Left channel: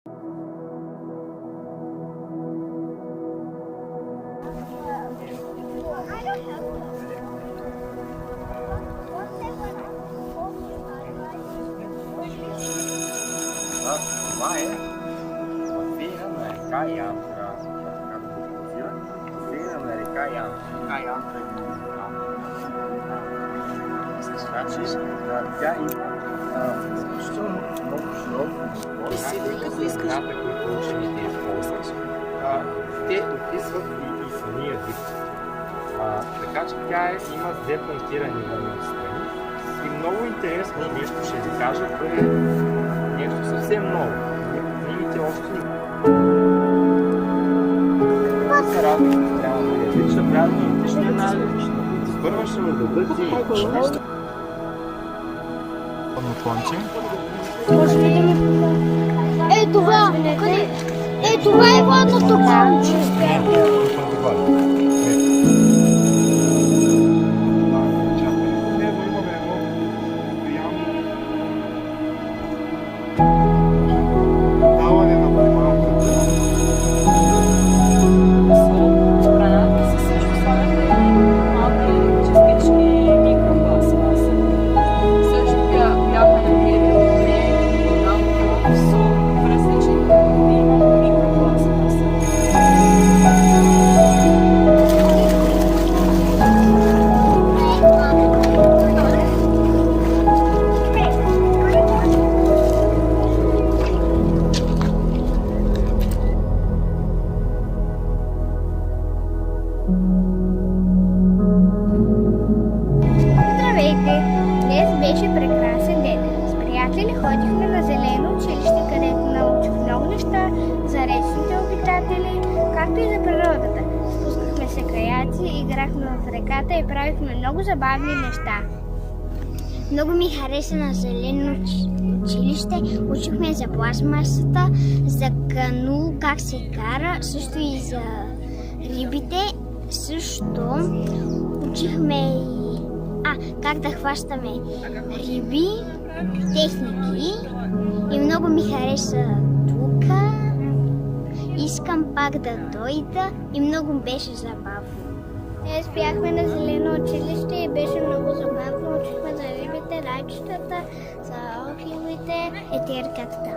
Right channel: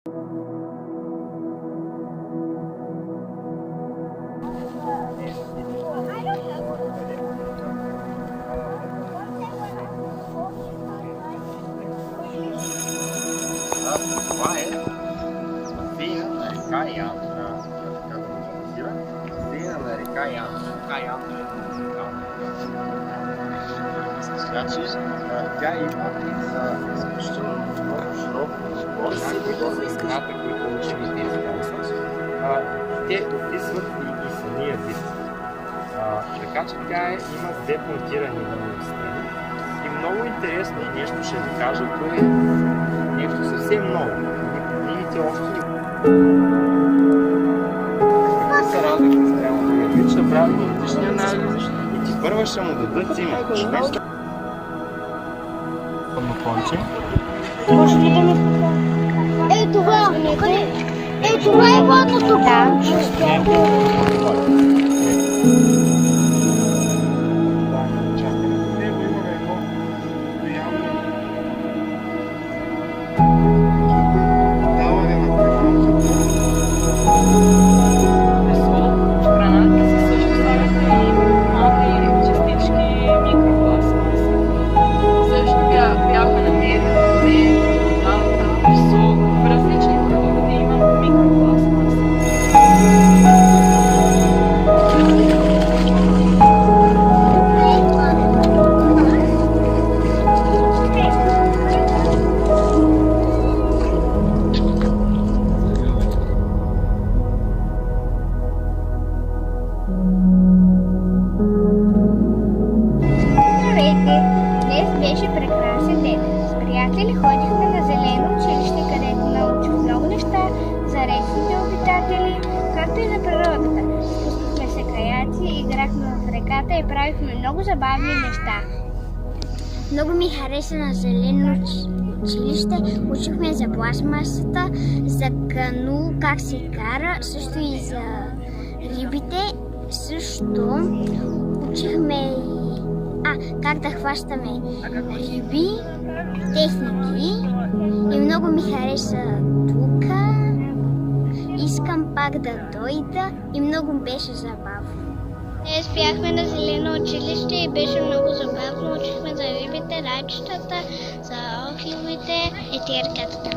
Това е басейна на река Янтра. Така да го позира. Басейна на река Янтра. Река Янтра е уникална. Значи, тя има изключително много широко пространство. Имената, които учените използват, те описват и самия вид. Така че тя има две пунктирани вънни страни. И много интересно нещо ще ви кажа, което нещо съвсем ново. Книгите още се радват на страна на вид, ще правят генетични анализи. И ти първа ще му дадат име. Конче. Може ли да ми покажа? Това! Това е водното конче. Беше прекрасен ден. С приятели ходихме на зелено училище, където научих много неща за речните обитатели, както и за природата. Спускахме се каяци, играхме в реката и правихме много забавни неща. Много ми хареса на зелено училище. Учихме за пластмасата, за кану, как се кара, също и за рибите. Също учихме и как да хващаме риби, техники и много ми хареса тук. Искам пак да дойда и много беше забавно. Ние спяхме на зелено училище и беше много забавно. Учихме за рибите, рачетата, за охилите и терката.